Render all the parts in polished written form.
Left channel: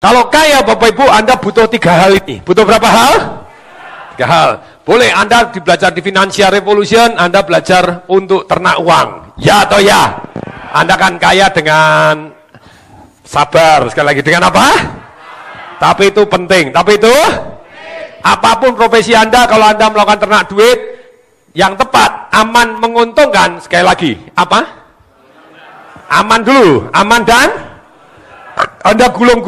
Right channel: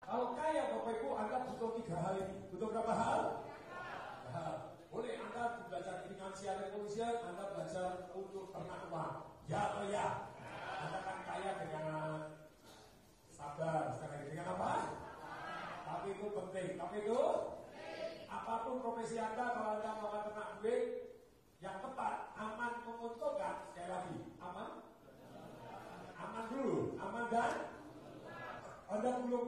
Kalau kaya Bapak Ibu, Anda butuh 3 hal ini. Butuh berapa hal? 3 hal. Boleh Anda belajar di Financial Revolution, Anda belajar untuk ternak uang. Ya atau ya? Anda kan kaya dengan sabar. Sekali lagi, dengan apa? Tapi itu penting. Tapi itu apapun profesi Anda, kalau Anda melakukan ternak duit yang tepat, aman, menguntungkan, sekali lagi, apa? Aman dulu, aman dan Anda gulung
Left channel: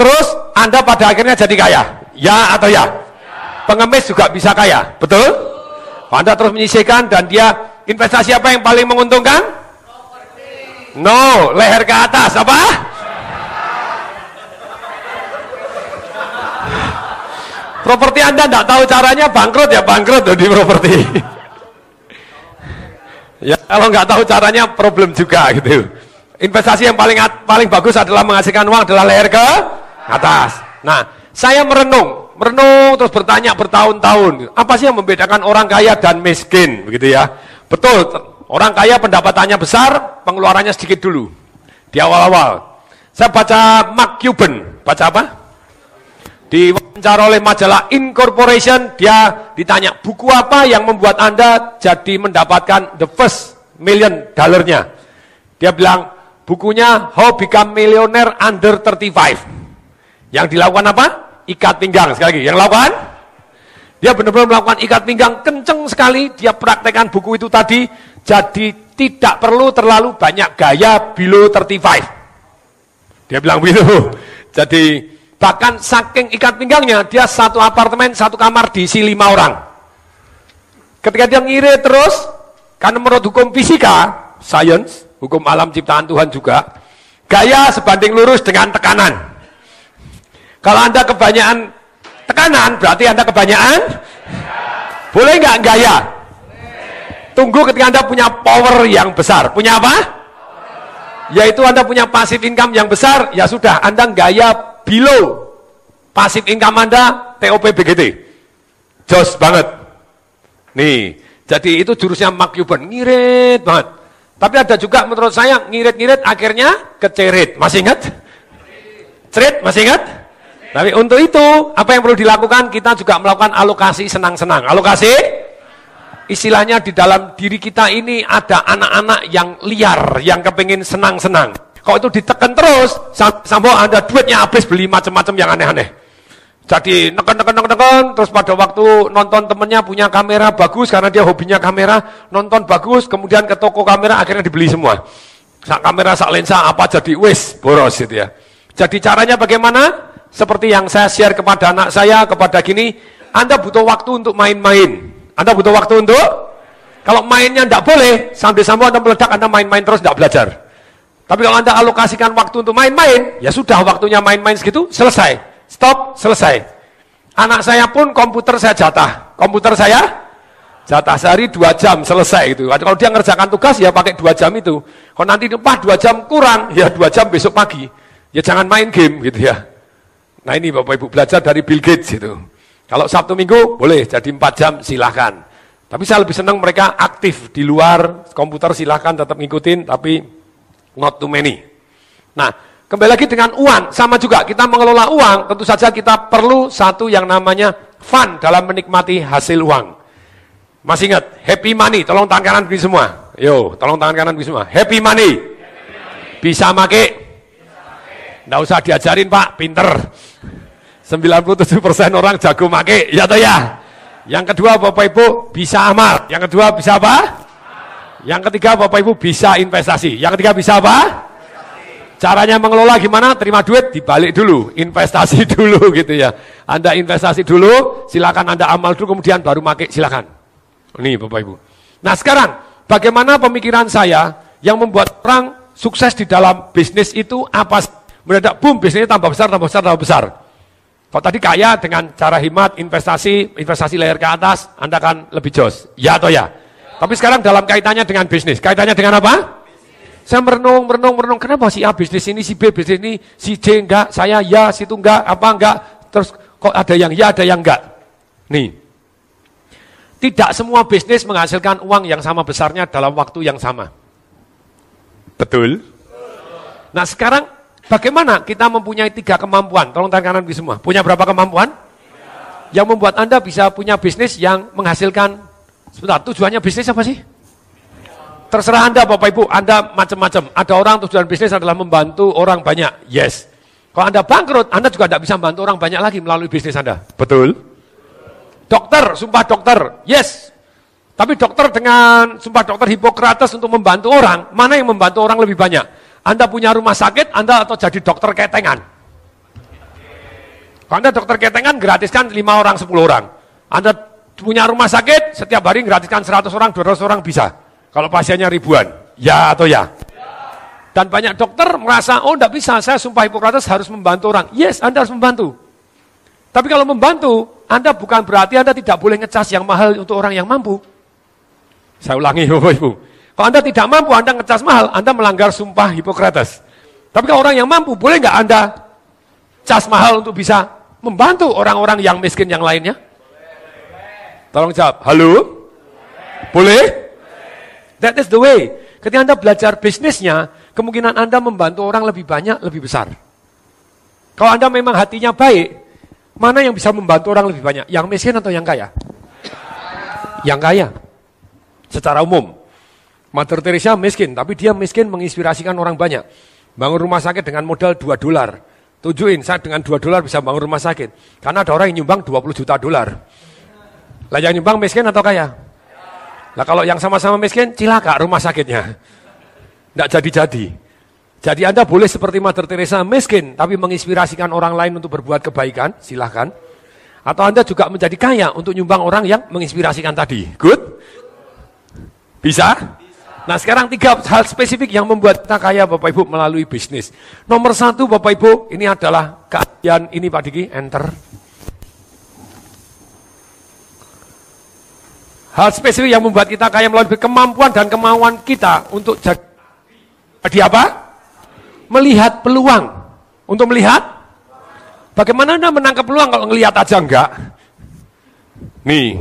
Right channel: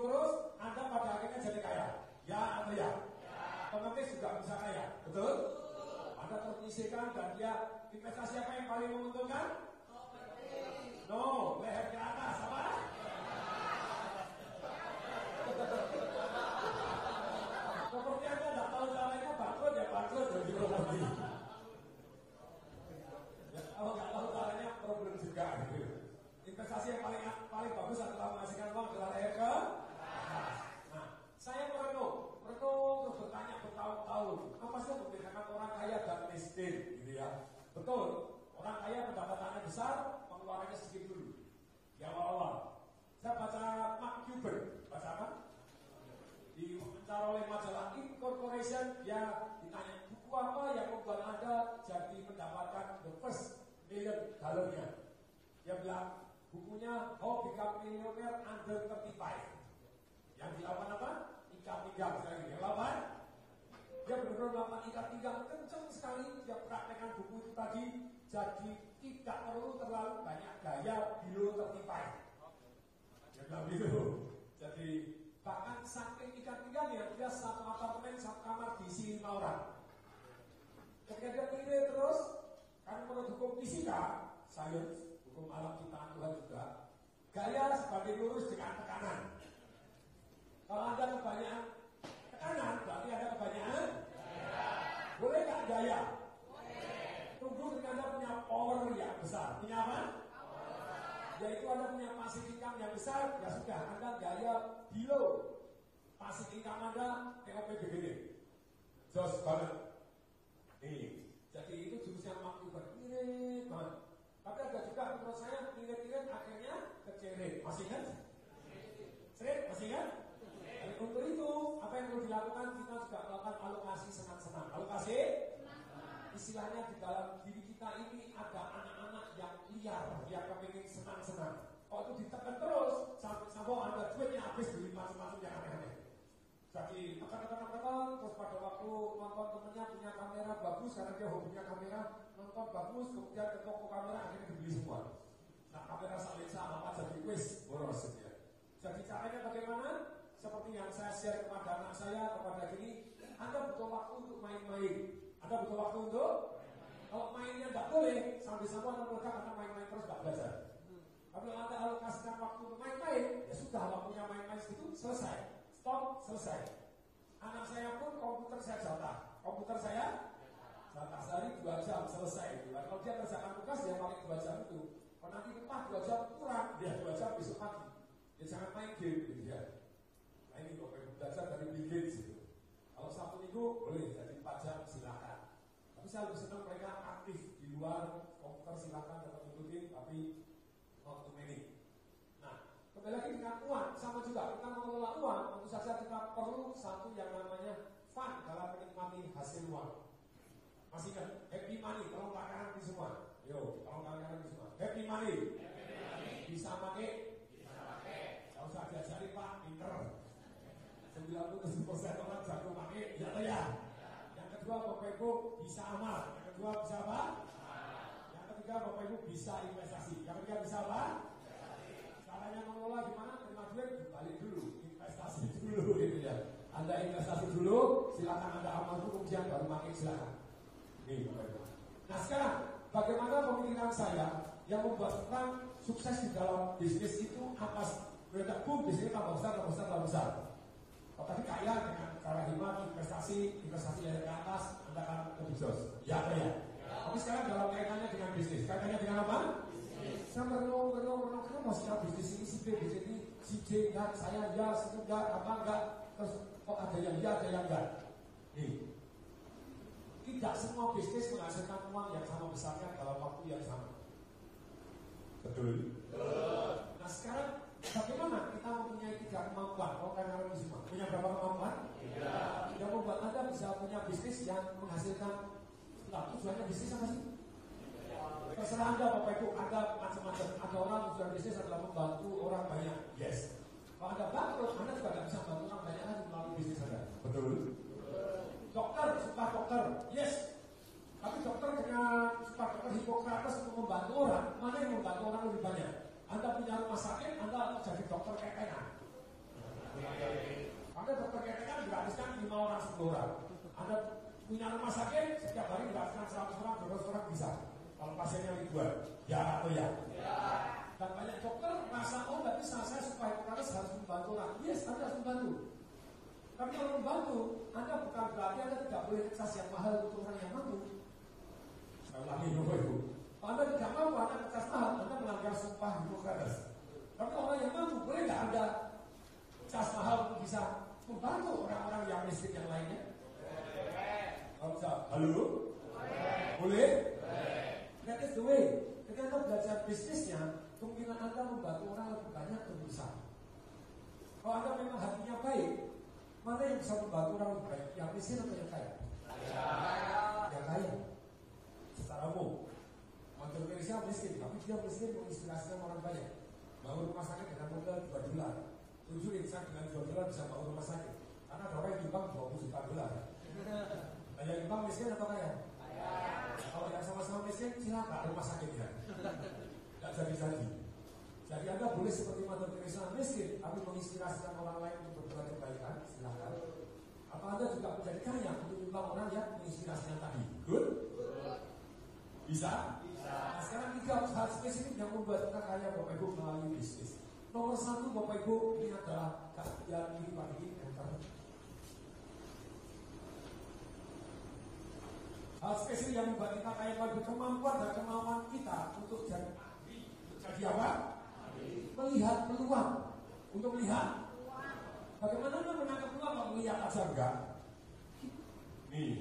terus, Anda pada akhirnya jadi kaya. Ya atau ya? Pengemis juga bisa kaya, betul? Anda terus menyisihkan dan dia investasi apa yang paling menguntungkan? No, leher ke atas, apa? Properti Anda tidak tahu caranya, bangkrut ya bangkrut di properti. Ya kalau nggak tahu caranya problem juga gitu. Investasi yang paling bagus adalah menghasilkan uang adalah leher ke atas. Nah, saya merenung terus bertanya bertahun-tahun. Apa sih yang membedakan orang kaya dan miskin begitu ya? Betul, orang kaya pendapatannya besar, pengeluarannya sedikit dulu. Di awal-awal. Saya baca Mark Cuban, baca apa? Diwawancara oleh majalah Incorporation, dia ditanya, buku apa yang membuat Anda jadi mendapatkan the first $1 million? Dia bilang, bukunya How Become Millionaire Under 35. Yang dilakukan apa? Ikat pinggang. Sekali lagi, yang lakukan? Dia benar-benar melakukan ikat pinggang, kenceng sekali, dia praktekkan buku itu tadi, jadi tidak perlu terlalu banyak gaya below 35. Dia bilang begitu. Jadi, bahkan saking ikat pinggangnya, dia satu apartemen, satu kamar diisi 5 orang. Ketika dia ngirit terus, karena menurut hukum fisika, science, hukum alam ciptaan Tuhan juga, gaya sebanding lurus dengan tekanan. Kalau Anda kebanyakan tekanan, berarti Anda kebanyakan, boleh nggak gaya? Tunggu ketika Anda punya power yang besar. Punya apa? Yaitu Anda punya passive income yang besar, ya sudah, Anda gaya below passive income Anda, TOP BGT. Jos banget. Nih, jadi itu jurusnya Mark Cuban, ngirit banget. Tapi ada juga menurut saya, ngirit-ngirit akhirnya kecerit. Masih ingat? Cerit, masih ingat? Tapi untuk itu, apa yang perlu dilakukan? Kita juga melakukan alokasi senang-senang. Alokasi? Istilahnya di dalam diri kita ini ada anak-anak yang liar, yang kepingin senang-senang. Kalau itu ditekan terus, sampai Anda duitnya habis beli macam-macam yang aneh-aneh. Jadi neken, terus pada waktu nonton temennya punya kamera bagus, karena dia hobinya kamera, nonton bagus, kemudian ke toko kamera akhirnya dibeli semua. Sak kamera, sak lensa, apa jadi wis, boros gitu ya. Jadi caranya bagaimana? Seperti yang saya share kepada anak saya, kepada gini, Anda butuh waktu untuk main-main. Anda butuh waktu untuk, kalau mainnya tidak boleh, sampai-sampai Anda meledak, Anda main-main terus tidak belajar. Tapi kalau Anda alokasikan waktu untuk main-main, ya sudah waktunya main-main segitu, selesai. Stop, selesai. Anak saya pun komputer saya jatah. Komputer saya jatah sehari 2 jam, selesai gitu. Kalau dia ngerjakan tugas, ya pakai 2 jam itu. Kalau nanti 2 jam kurang, ya 2 jam besok pagi. Ya jangan main game gitu ya. Nah ini Bapak Ibu belajar dari Bill Gates gitu. Kalau Sabtu Minggu boleh jadi 4 jam silahkan. Tapi saya lebih senang mereka aktif di luar komputer, silahkan tetap ngikutin, tapi not too many. Nah, kembali lagi dengan uang, sama juga kita mengelola uang, tentu saja kita perlu satu yang namanya fun dalam menikmati hasil uang. Masih ingat, happy money, tolong tangan kanan begini semua. Yo, tolong tangan kanan begini semua. Happy money. Bisa make? Nggak usah diajarin Pak, pinter. 97% orang jago make, ya toh ya. Yang kedua Bapak Ibu bisa amal. Yang kedua bisa apa? Yang ketiga Bapak Ibu bisa investasi. Yang ketiga bisa apa? Caranya mengelola gimana? Terima duit, dibalik dulu. Investasi dulu gitu ya. Anda investasi dulu, silakan Anda amal dulu, kemudian baru make, silakan. Nih Bapak Ibu. Nah sekarang, bagaimana pemikiran saya yang membuat orang sukses di dalam bisnis itu apa? Mendadak boom, bisnisnya tambah besar, tambah besar, tambah besar. Kalau tadi kaya dengan cara hemat, investasi leher ke atas, Anda akan lebih jos. Ya atau ya? Tapi sekarang dalam kaitannya dengan bisnis. Kaitannya dengan apa? Saya merenung. Kenapa si A bisnis ini, si B bisnis ini, si C enggak, saya ya, situ enggak, apa enggak. Terus kok ada yang ya, ada yang enggak. Nih. Tidak semua bisnis menghasilkan uang yang sama besarnya dalam waktu yang sama. Betul? Nah sekarang Bagaimana kita mempunyai 3 kemampuan? Tolong tangan kanan semua. Punya berapa kemampuan? Yang membuat Anda bisa punya bisnis yang menghasilkan, sebentar, tujuannya bisnis apa sih? Terserah Anda Bapak Ibu, Anda macam-macam. Ada orang tujuan bisnis adalah membantu orang banyak, yes. Kalau Anda bangkrut, Anda juga tidak bisa membantu orang banyak lagi melalui bisnis Anda. Betul? Dokter, sumpah dokter, yes. Tapi dokter dengan sumpah dokter Hipokrates untuk membantu orang, mana yang membantu orang lebih banyak? Anda punya rumah sakit, Anda atau jadi dokter ketengan? Kalau Anda dokter ketengan, gratiskan 5 orang, 10 orang. Anda punya rumah sakit, setiap hari gratiskan 100 orang, 200 orang bisa. Kalau pasiennya ribuan, ya atau ya? Dan banyak dokter merasa, oh enggak bisa, saya sumpah Hipokrates harus membantu orang. Yes, Anda harus membantu. Tapi kalau membantu, Anda bukan berarti Anda tidak boleh ngecas yang mahal untuk orang yang mampu. Saya ulangi Bapak Ibu. Kalau Anda tidak mampu, Anda ngecas mahal, Anda melanggar sumpah Hipokrates. Tapi kalau orang yang mampu, boleh nggak Anda cas mahal untuk bisa membantu orang-orang yang miskin yang lainnya? Tolong jawab, halo? Boleh? That is the way. Ketika Anda belajar bisnisnya, kemungkinan Anda membantu orang lebih banyak, lebih besar. Kalau Anda memang hatinya baik, mana yang bisa membantu orang lebih banyak? Yang miskin atau yang kaya? Yang kaya. Secara umum, Mother Teresa miskin, tapi dia miskin menginspirasikan orang banyak. Bangun rumah sakit dengan modal $2. Tujuin, saya dengan $2 bisa bangun rumah sakit. Karena ada orang yang nyumbang $20 juta. Lah yang nyumbang miskin atau kaya? Lah kalau yang sama-sama miskin, cilaka rumah sakitnya. Nggak jadi-jadi. Jadi Anda boleh seperti Mother Teresa miskin, tapi menginspirasikan orang lain untuk berbuat kebaikan, silahkan. Atau Anda juga menjadi kaya untuk nyumbang orang yang menginspirasikan tadi. Good? Bisa? Nah sekarang 3 hal spesifik yang membuat kita kaya Bapak Ibu melalui bisnis. Nomor 1 Bapak Ibu, ini adalah keahlian ini Pak Diki, enter. Hal spesifik yang membuat kita kaya melalui kemampuan dan kemauan kita untuk jadi apa? Melihat peluang. Untuk melihat? Bagaimana Anda menangkap peluang kalau ngelihat aja enggak? Nih.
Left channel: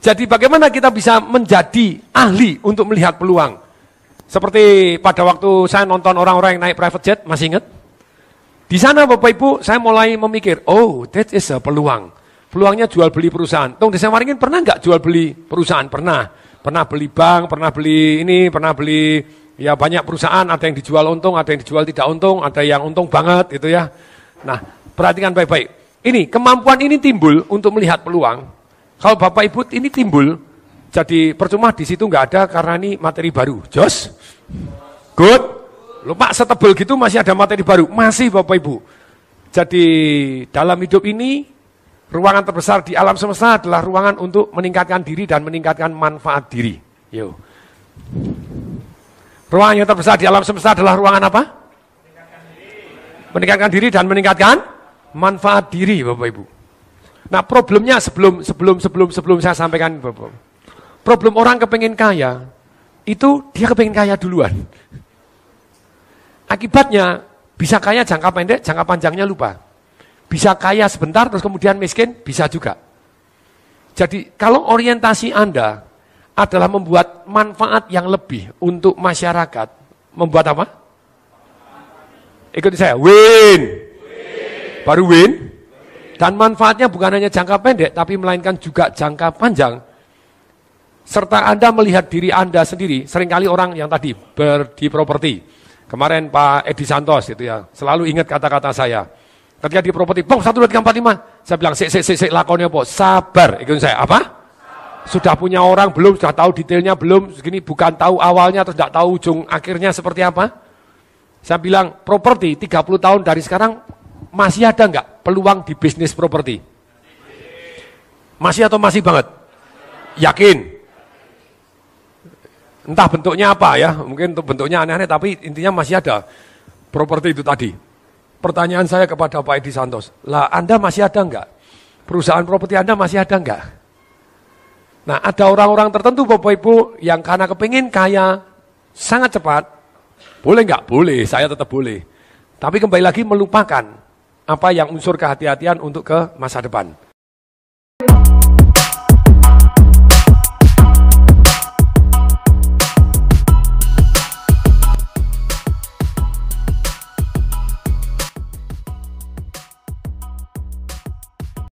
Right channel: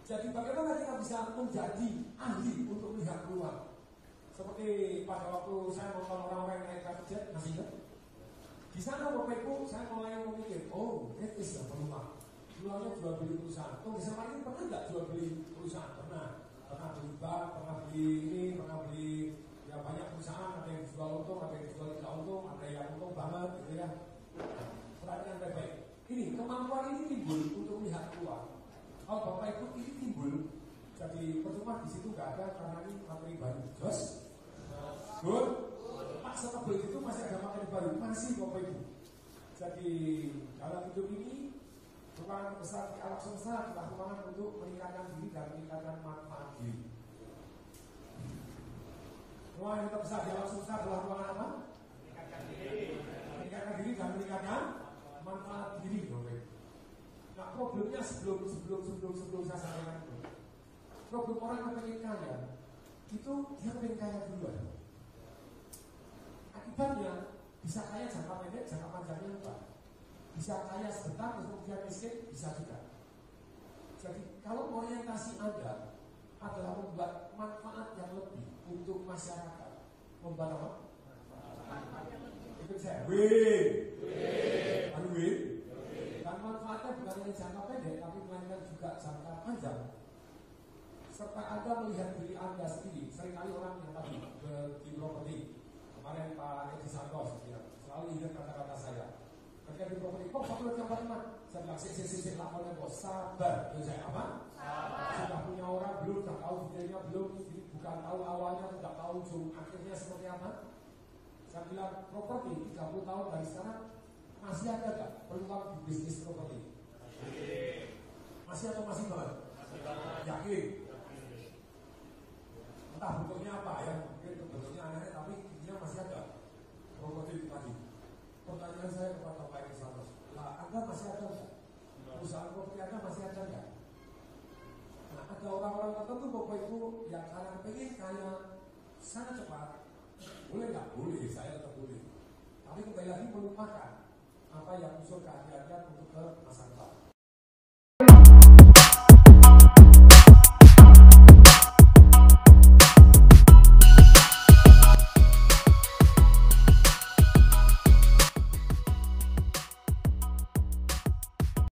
Jadi bagaimana kita bisa menjadi ahli untuk melihat peluang? Seperti pada waktu saya nonton orang-orang yang naik private jet, masih ingat? Di sana Bapak Ibu, saya mulai memikir, oh that is a peluang. Peluangnya jual beli perusahaan. Tong Desa Waringin pernah nggak jual beli perusahaan? Pernah. Pernah beli bank, pernah beli ini, pernah beli ya banyak perusahaan, ada yang dijual untung, ada yang dijual tidak untung, ada yang untung banget gitu ya. Nah, perhatikan baik-baik. Ini, kemampuan ini timbul untuk melihat peluang. Kalau Bapak Ibu ini timbul, jadi percuma di situ nggak ada karena ini materi baru. Jos? Good? Lupa setebel gitu masih ada materi baru. Masih Bapak Ibu. Jadi dalam hidup ini, ruangan terbesar di alam semesta adalah ruangan untuk meningkatkan diri dan meningkatkan manfaat diri. Yo. Ruangan yang terbesar di alam semesta adalah ruangan apa? Meningkatkan diri dan meningkatkan manfaat diri Bapak Ibu. Nah problemnya sebelum saya sampaikan Bapak. Problem orang kepengen kaya, itu dia kepengen kaya duluan. Akibatnya bisa kaya jangka pendek, jangka panjangnya lupa. Bisa kaya sebentar terus kemudian miskin, bisa juga. Jadi kalau orientasi Anda adalah membuat manfaat yang lebih untuk masyarakat, membuat apa? Ikuti saya, win. Baru win. Dan manfaatnya bukan hanya jangka pendek, tapi melainkan juga jangka panjang. Serta Anda melihat diri Anda sendiri, seringkali orang yang tadi di properti. Kemarin Pak Edi Santos itu ya, selalu ingat kata-kata saya. Ketika di properti, bang 1, 2, 3, 4, 5. Saya bilang, sik, lakonnya apa? Sabar. Ikutin saya, apa? Sudah punya orang belum, sudah tahu detailnya belum, segini bukan tahu awalnya, terus tidak tahu ujung akhirnya seperti apa. Saya bilang, properti 30 tahun dari sekarang, masih ada enggak peluang di bisnis properti? Masih atau masih banget? Yakin? Entah bentuknya apa ya, mungkin bentuknya aneh-aneh, tapi intinya masih ada properti itu tadi. Pertanyaan saya kepada Pak Edi Santos, lah Anda masih ada enggak? Perusahaan properti Anda masih ada enggak? Nah ada orang-orang tertentu Bapak Ibu yang karena kepingin kaya sangat cepat, boleh enggak? Boleh, saya tetap boleh. Tapi kembali lagi melupakan apa yang unsur kehati-hatian untuk ke masa depan.